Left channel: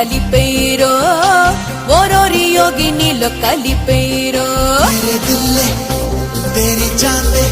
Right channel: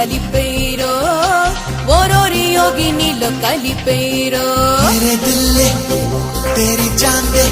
కలిపేరో ఓరోరి యోగినిలో కలిపేరో तेरे दिल ने तेरी जान ने